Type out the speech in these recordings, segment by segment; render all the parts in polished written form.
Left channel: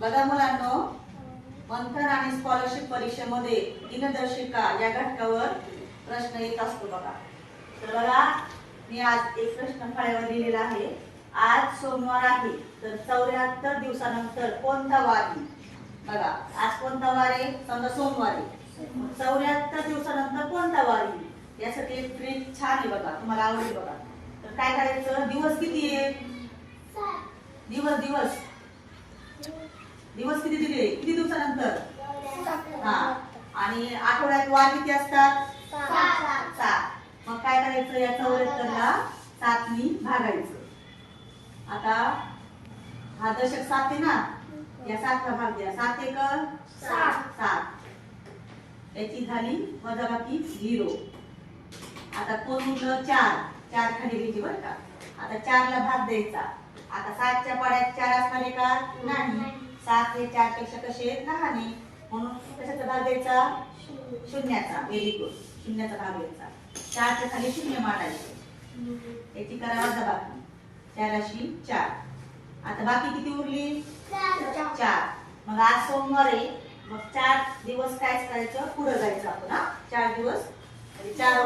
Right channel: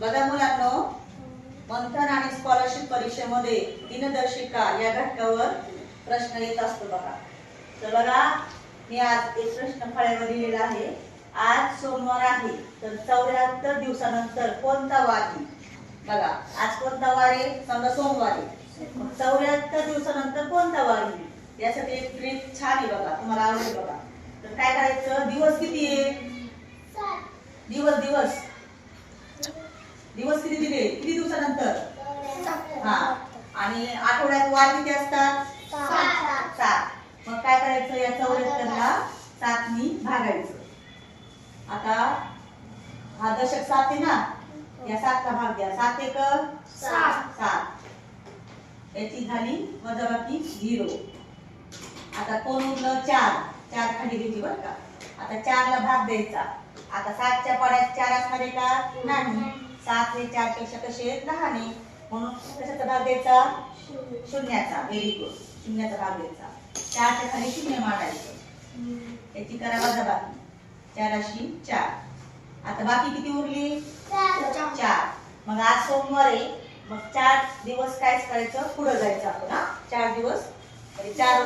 बघा मुलांनो, मंथन आणि स्कॉलरशिप परीक्षेमध्ये दिनदर्शिका या घटकावर प्रश्न येत असतो बघा. तर बघा, मी आज एक प्रश्न फळ्यावर दिलेला आहे. आज सोमवार आहे, तर 74 दिवसानंतर कोणता वार येईल? बघा, आज कोणता वार आहे? समजा सोमवार आहे. 74 दिवसानंतर कोणता वार येईल? यासाठी एक ट्रिक छान आहे बघा, तुम्हाला आवडेल बघा. तर काय करायचं? दिवस किती आहे? दिवस दिवस दिवस किती दिले? किती दिवसानंतर? हा. आणि आठवड्यात वार किती असतात? 7. मग काय करायचं? या 74ला 7 नी भागायचं. आता हा दशक 7 आहे ना, या 7 ला भाग द्या. 7 एक 7. याची झाली वजाबाकी 0. आता कोण उरलं? 4 खाली घ्यायची बरं का. आता 4 ला भाग द्यायचा. आता 7च्या पाड्यात 4 असणार आहे का? नाही. 7 हे 4 पेक्षा कसे लहान आहे, म्हणून कशाचा भाग द्यायचा? शून्याचा. व्हेरी गुड, शून्याचा भाग द्यायचा. 4च्या खाली 0 मांडायचं. याची करा वजाबाकी. 4 अशी 4. आता बाकी किती उरली? 4. मग आज सोमवार आहे, मग 4 दिवस कायच करायचं? पुढे जायचं आपण. हा, 4 दिवस 4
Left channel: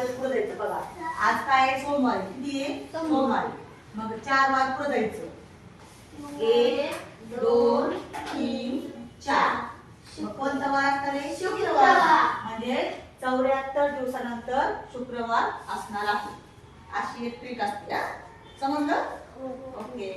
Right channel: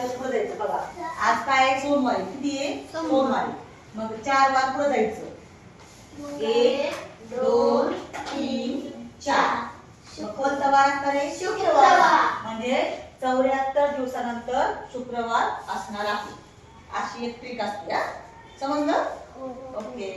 दिवस पुढे जायचं. बघा, आज काय आहे? सोमवार. किती आहे? सोमवार. मग 4 वार पुढे जायचं. 1 2 3 4. मग कोणता वार असणार आहे? शुक्रवार. म्हणजे 74 दिवसानंतर शुक्रवार असणार आहे. अशी एक ट्रिक असते. समजलं? ओके.